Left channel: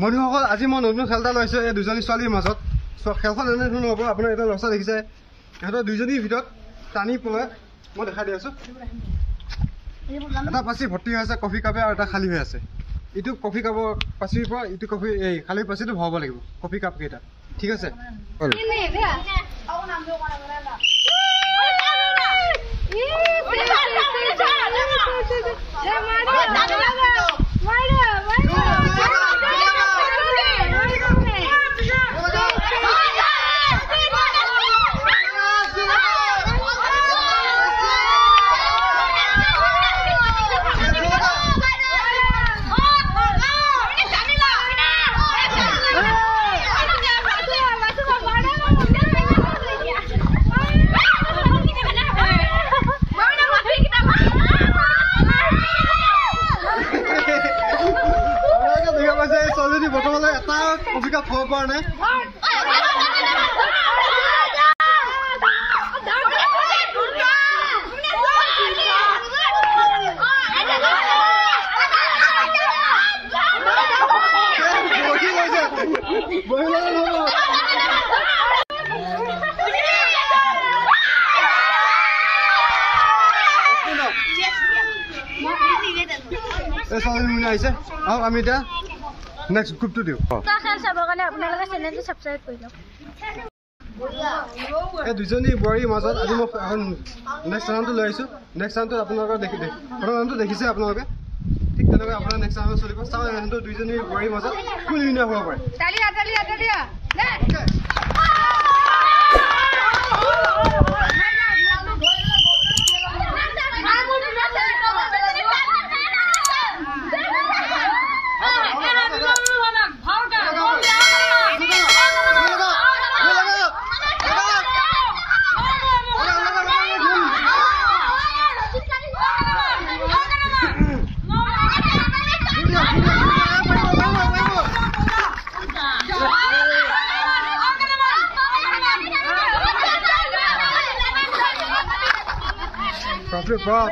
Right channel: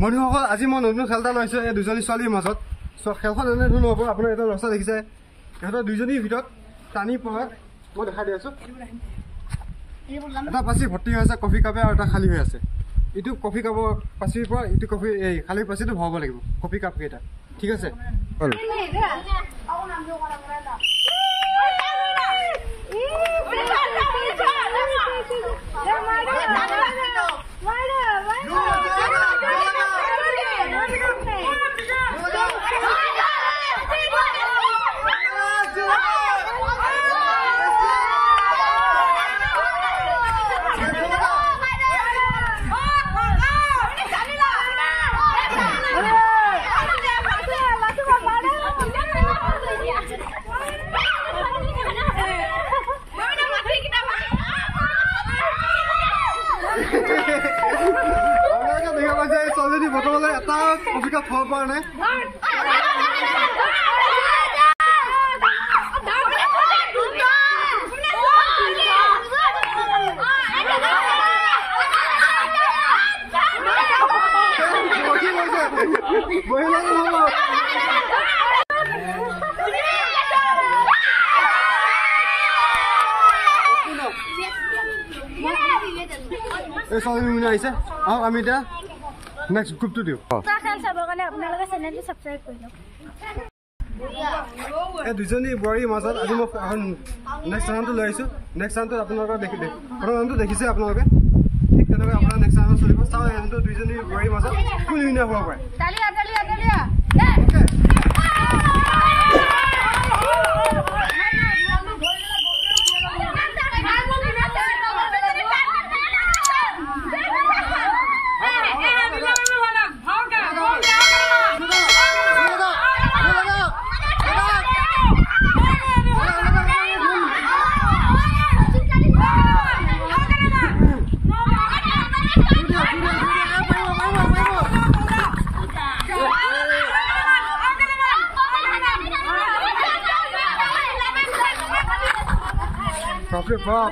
বন্ধুসকল আজি মই নতুন খেল এটা লৈছোঁ এই দুজনী ছোৱালীৰ মাজত। খেলখন এনেধৰণৰ হ'ব। আপোনাৰ এটা লক্ষ্য দেখিছে, ইহঁতৰ দুইজনীৰ ভিতৰত টানি পৰে। মই দেখাই দি আছোঁ। এটা পাচি ভৰ্তি হৈ আছে কফি কাপে আৰু এটা খালী হৈ আছে। ইটো কফি কাপৰ পাচিৰ পৰা ইটো কফি এই খালী পাচিটো ভৰাব লাগিব কফি কাপ কেইটা। ঠিক আছে, ছোৱালীজনী বৰ্তমানলৈ এটা কফি কাপ থ'ব পৰা নাই। এই ছোৱালীজনী মিনি আহিছে আৰু আমি এতিয়া নেক্সট গ্ৰুপটো দিওঁ। খেল চাবৰ কাৰণে আপোনালোকে চেনেলটো ছাবস্ক্ৰাইব কৰি লওক। এই দুজনী বোৱাৰীৰ মাজত আজি মই নেক্সট ৰাউণ্ডটো লৈ আহিছোঁ। নেক্সট ৰাউণ্ডটোত আপোনালোকে প্ৰথম ৰাউণ্ডটো দেখিছে আপোনালোকে, ঠিক তেনেকৈ আপোনাৰ নেক্সট ৰাউণ্ডত চলিব। চাওঁ সিহঁতৰ দুইজনী বোৱাৰীৰ মাজত কোন উইনাৰ হ'ব পাৰে। Profit Bob.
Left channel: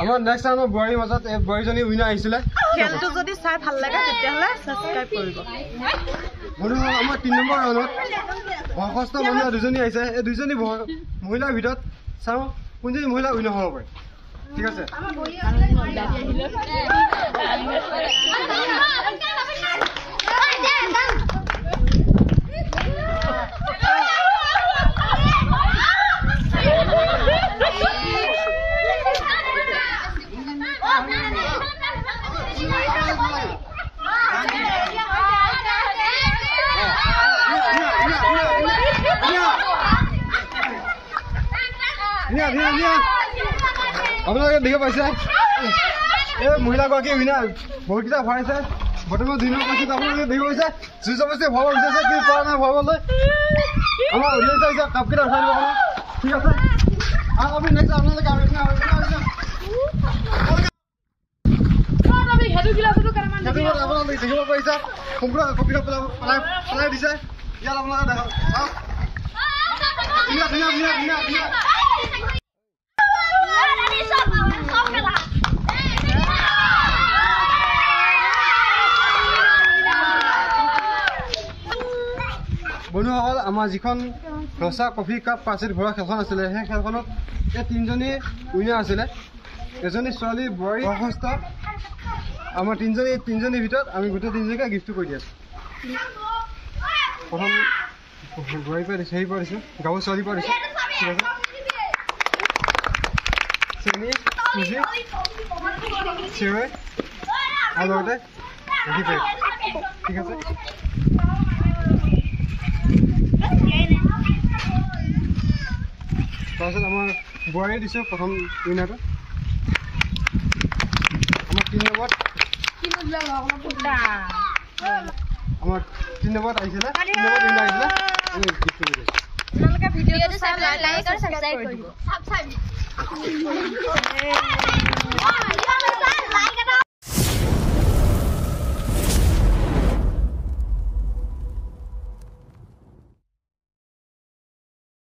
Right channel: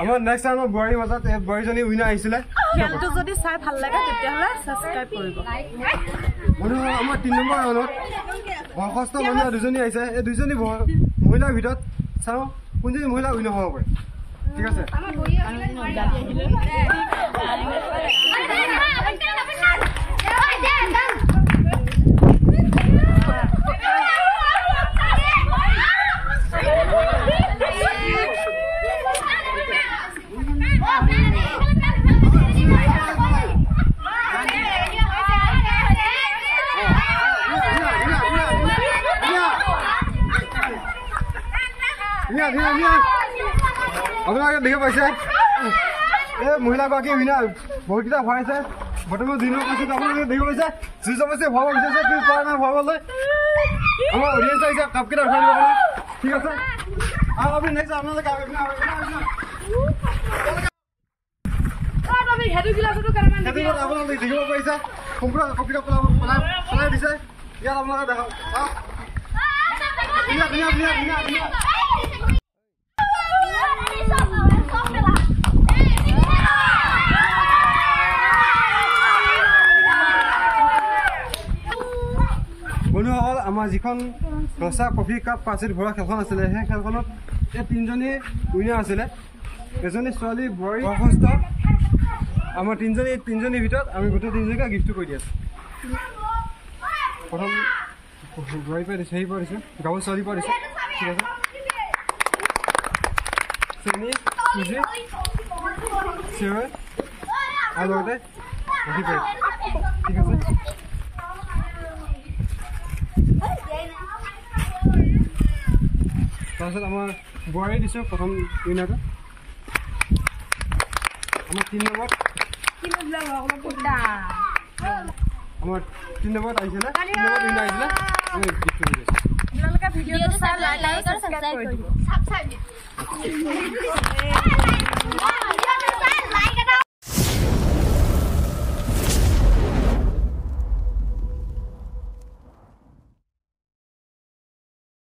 আমাৰ নেক্সট টাইমৰ বোৱাৰীৰ মাজত এই বোৱাৰীজনী উইনাৰ আহিছিলে। খেলটো যদি চাই ভাল লাগে তেতিয়াহ'লে ছাবস্ক্ৰাইব কৰিব। বন্ধুসকল আমাৰ 3 নম্বৰ ৰাউণ্ডত বয়সস্থ মহিলা দুজনী আহিছে। এই দুজনী মহিলাৰ ভিতৰত চাওঁ কোনজনী মহিলা উইনাৰ হ'ব পাৰে। ঠিক আছে, আপোনালোকে দেখিব পাইছে এই মহিলাগৰাকী উইনাৰ বহুতকেইটা ভৰাইছে। বৰ্তমান 2 নম্বৰ পাইছে। আপোনালোকে দেখিব পাইছে যুঁজ অৱশ্যে ভৰাব বিচাৰিছে কিন্তু পৰা নাই ভৰাবলৈ। আমাৰ অডিয়েঞ্চ আহিছে কাপকেইটা উঠাই দিব কাৰণে। ঠিক আছে, আৰু আপুনি নেক্সট আপোনালোকে আপোনালোকে দেখিব পাৰিছে সম্পূৰ্ণ কপিটা পেলাই দিছে। ইয়াত আপোনালোকে দেখা বন্ধুসকল আমাৰ যিখন ৰচা কফি কাপ পাচিত ভৰা খেলখন আছিলে সেই খেলখনত এই 3জনী উইনাৰ আছিলে। এজনী ছোৱালী বোৱাৰী বয়সস্থ। আমাৰ তিনিজনীৰ ভিতৰত আমি গোটেই 3জনীকে গিফ্টটো কৰি দি আছোঁ। প্ৰথম বোৱাৰীৰ পৰা দিছোঁ, হেৰি পৰা দিছোঁ, গাঁৱৰ ছোৱালীৰ পৰা দিছোঁ। ঠিক আছে, চেনি চুজি চিৰৈ আৰু লগতে গাখীৰ পেক। ঠিক আছে, তাৰপিছত আমাৰ বোৱাৰীয়ে দিছোঁ প্ৰথম উইনাৰটো। আমাৰ 3 নম্বৰ আমাৰ 3 নম্বৰ আইছিল 3 নম্বৰ উইনাৰ আইছিল আমি গিফট দিই আপোনালোকে ভিডিঅ'টো চাই লাইক আৰু সাবস্ক্ৰাইব কৰি দিব